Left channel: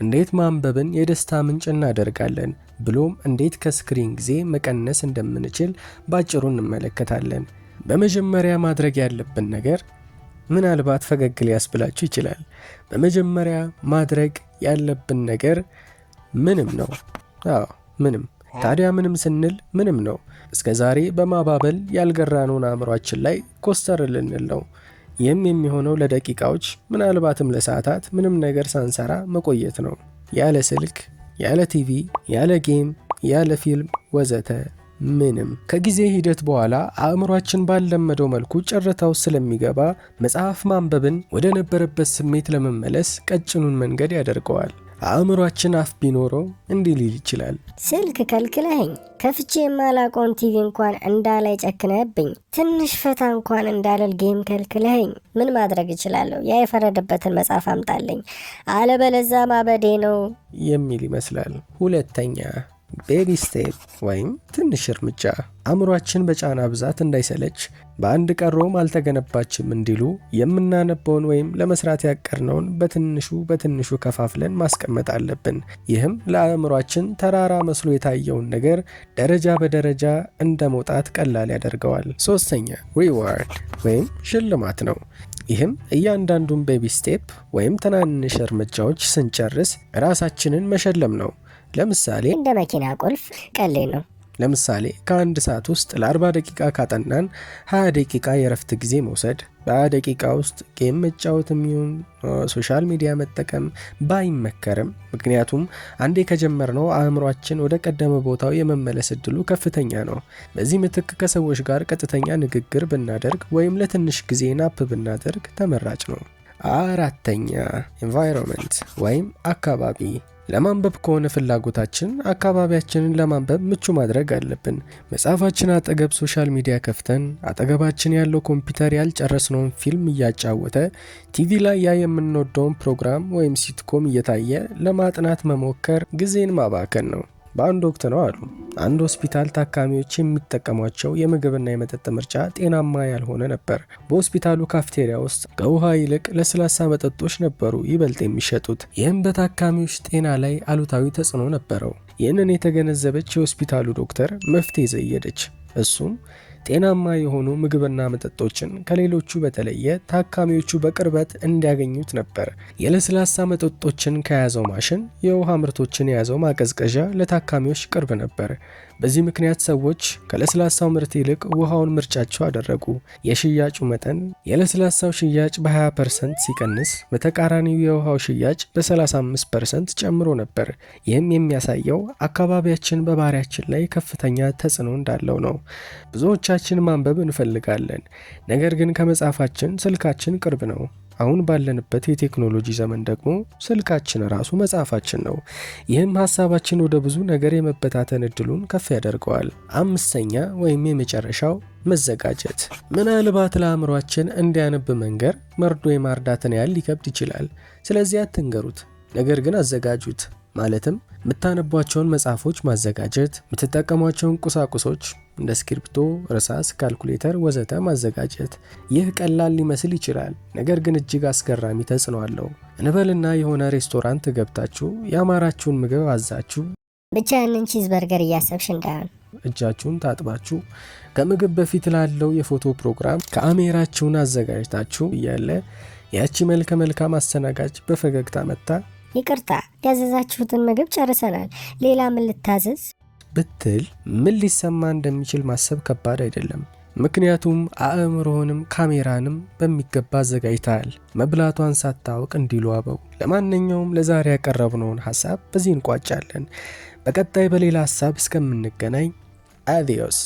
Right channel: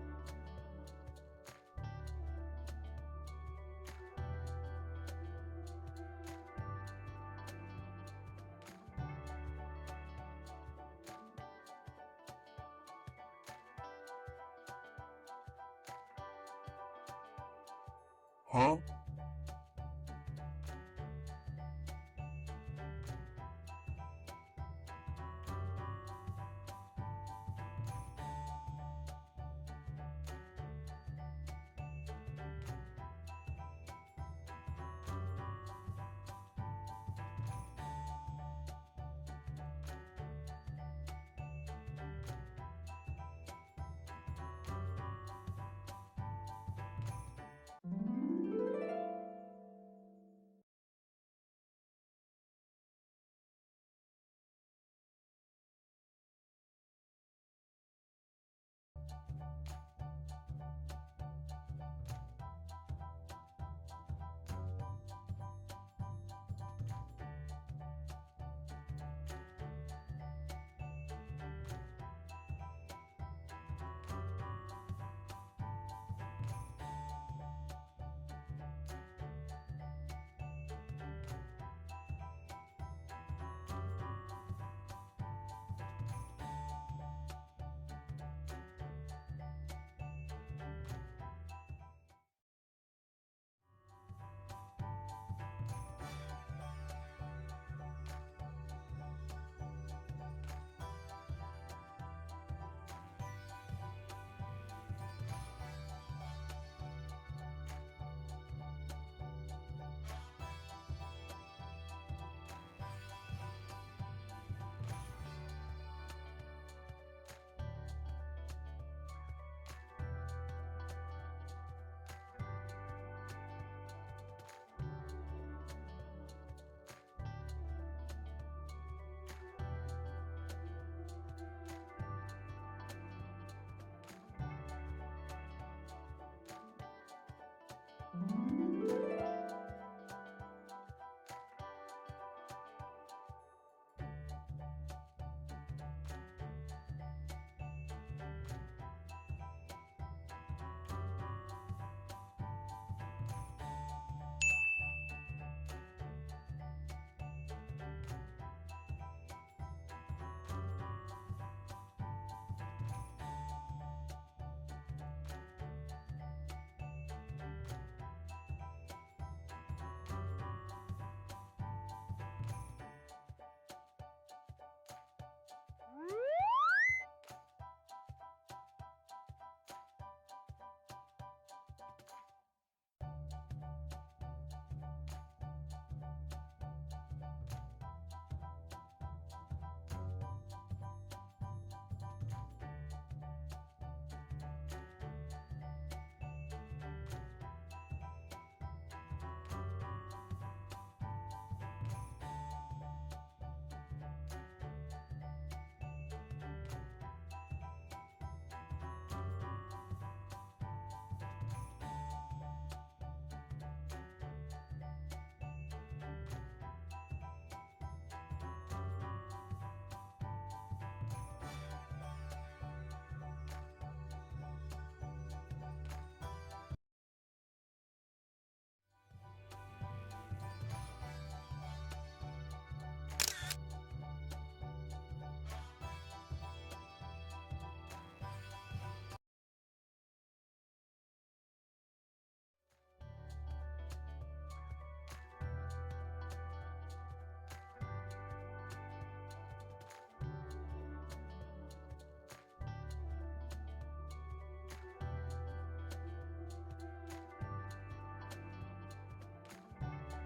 እንዴት ማንበብን የደስታ ምንጭ እናደርጋለን፣ ብሎም እንዴት ከስክሪን ጊዜ መቀነስ እንደምንችል ባጭሩ እንመለከታለን። በመጀመሪያ ማድረግ ያለብን ነገር ምናልባት ፈገግ ሊያስብላችሁ ይችላል። በመጀመሪያ ማድረግ ያለብን ነገር ምንም ነው። ምንም። ታዲያ ምንም ስንል ምንም ነው። እስከ ዛሬ በማባበል ያልገራነውን አእምሯችን ላይ ኮስተር ልንል ነው። ይህም የሚሆነው ለደቂቃዎች ምናልባትም ለሰዓታት ምንም ነገር ሳንሰራ መቆየት ነው። ያለ ስልክ፣ ያለ ቲቪ፣ ያለ ጌም፣ ያለ ፊልም ወዘተ ምንም። ከጊዜ ሂደት በኋላ አእምሯችን ባልለመደው መልኩ ጨረታው ስለሚገባ መጽሐፍ ማንበብን ወደ ነበረበት ስሜት ለመመለስ ቀጭኑን መንገድ ያደርገዋል። አእምሯችን አፍ ቢኖረው እንዲህ ሊል ይችላል። ስልክ ከልክለኸኝ፣ ከፍቼ የማላውቀውን ቲቪ እንኳን እንዳላይ ጨክነህብኝ፣ ትንሽ ፈታ እንኳን እንዳልል ጌም ከልክለኸኝ፣ ምን ማድረግ እችላለሁ? ያ የፈረደበትን መጽሐፍ አምጣልኝ፣ አለበለዛ ማበዴ ነው የሚል ይመስላል። ሁለተኛ ቤቢ ስቴፕ ወይም ትንሽ እርምጃ። አእምሯችን በጫና ብዛት እንዳይሰለች፣ በአንድ ቀሮም አልተገነባችም እንዲሉ የምናነበውን ወይም ለመስራት ያቀርነውን በትንሹ ከፋፍለን ማስቀመጥ አለብን። ይህም ለአእምሯችን ተራራ መስሎ የታየውን ነገር ደረጃ በደረጃ እንደ መውጣት ቀላል ያደርገዋል። ሶስተኛ ሪዋርድ ወይም ሽልማት ነው። ይህም እያንዳንዱን ቤቢ ስቴፕ ወይም ትናንሽ እርምጃዎች ስንጨርስ ራሳችንን መሸለም ነው። ለምሳሌ እንደ መኪና ቁልፍ ቀሌ ነው። ለምሳሌ ከአንድ ሰዓት ውስጥ ለ40 ደቂቃ ካጠናን 20 ደቂቃ የረፍት ጊዜ መውሰድ፣ በ20 ደቂቃ ውስጥ ጌም መጫወት የሚሆን ሶሻል ሚዲያ መጠቀም ባይመከርም፣ ምክንያቱም አንዴ ከጀመርነው አእምሯችን ወደ ቀደመ ቦታው የመመለስ እድሉ ከፍተኛ ነው። በዚህ ምትክ ከሰዎች ጋር ቀጥተኛ ንግግር ብናደርግ ወይም ለትንሽ ጊዜ ናፕ ብናደርግ ተመራጭ ነው። አራተኛ ኤንቫይሮንመንት ወይም አካባቢ። ለማንበብ ከሆነ ፍላጎታችን አካባቢያችንን ለማንበብ ምቹ ማድረግ አለብን። መጽሐፋችን አጠገብ ሶሻል ሚዲያ ከፍተን አጠገባችን ያለው ኮምፒውተር ያልጨረስነውን ፊልም እያጫወተ፣ ቲቪ ላይ ያ የምንወደውን ፕሮግራም ወይም ሲትኮም እየታየ ለማጥናት መሞከር ጊዜን ማባከን ነው። በአንድ ወቅት ነው አሉ አንድ ሆስፒታል ታካሚዎች የሚጠቀሟቸው የምግብና የመጠጥ ምርጫ ጤናማ ያልሆነ ነበር። በሆስፒታሉ ካፍቴሪያ ውስጥ ከውሃ ይልቅ ለስላሳ መጠጦች ነበሩ ይበልጥ የሚሸጡት። ይህም በታካሚዎች ጤና ላይ አሉታዊ ተጽዕኖ ነበረው። ይህንን የተገነዘበች የሆስፒታሉ ዶክተር መፍትሄ ዘየደች። እሱም ጤናማ የሆኑ ምግብና መጠጦችን ከሌሎቹ በተለየ ታካሚዎቹ በቅርበት እንዲያገኙት ነበር። የለስላሳ መጠጦችን ከያዘው ማሽን የውሃ ምርቶችን የያዘው ማቀዝቀዣ ለታካሚዎች ቅርብ ነበር። በዚህ ምክንያት ሰዎች ከለስላሳው ምርት ይልቅ ውሃውን ምርጫቸው አደረጉ። የሽያጩ መጠን የለስላሳው ሽያጭ በ20% ሲቀንስ፣ በተቃራኒው የውሃው ሽያጭ በ35% ጨምሮ ነበር። ይህም የሚያሳየው አካባቢያችን በባህሪያችን ላይ ከፍተኛ ተጽዕኖ እንዳለው ነው። ብዙዎቻችን ማንበብ እንፈልጋለን፣ ነገር ግን ከመጽሐፋችን ስልካችን ቅርብ ነው። አሁን ባለንበት የቴክኖሎጂ ዘመን ደግሞ ስልካችን ራሱ መጽሐፋችን ነው። ይህም ሀሳባችን ወደ ብዙ ነገር የመበታተን እድሉን ከፍ ያደርገዋል። አምስተኛ ወይም የመጨረሻው መዘጋጀት። ምናልባት ለአእምሯችን እንዲያነብ መንገር መርዶ የማርዳትን ያህል ሊከብድ ይችላል። ስለዚህ አትንገሩት፣ ነገር ግን አዘጋጁት። ማለትም የምታነቧቸውን መጽሐፎች ማዘጋጀት፣ የምትጠቀሟቸውን ቁሳቁሶች እንደ እስክሪብቶ፣ እርሳስ፣ ካልኩሌተር ወዘተ ማዘጋጀት። ይህ ቀላል ሊመስል ይችላል፣ ነገር ግን እጅግ አስገራሚ ተጽዕኖ አለው። እንበልና የሆነ ሬስቶራንት ገብታችሁ ያማራችሁን ምግብ አዛችሁ ብቻ ያንን ቺዝ በርገር እያሰብሽ እንዳይሆን እጃችሁን ታጥባችሁ ከምግብ በፊት ላለው የፎቶ ፕሮግራም ካሜራችሁን አዘጋጅታችሁ እያለ ያቺ መልከ መልካም አስተናጋጅ በፈገግታ መጣ ይቅርታ ያዘዛችሁትን ምግብ ጨርሰናል፣ ሌላ ምን ልታዘዝ ብትል ምን ሊሰማ እንደሚችል ማሰብ ከባድ አይደለም። ምክንያቱም አእምሮህንም ካሜራንም በሚገባ አዘጋጅተሃል። መብላቷን ሳታውቅ እንዲሉ አበው። ለማንኛውም ለዛሬ ያቀረብነውን ሐሳብ በዚህ እንቋጫለን። በቀጣይ በሌላ ሐሳብ እስከምንገናኝ አዲዮስ።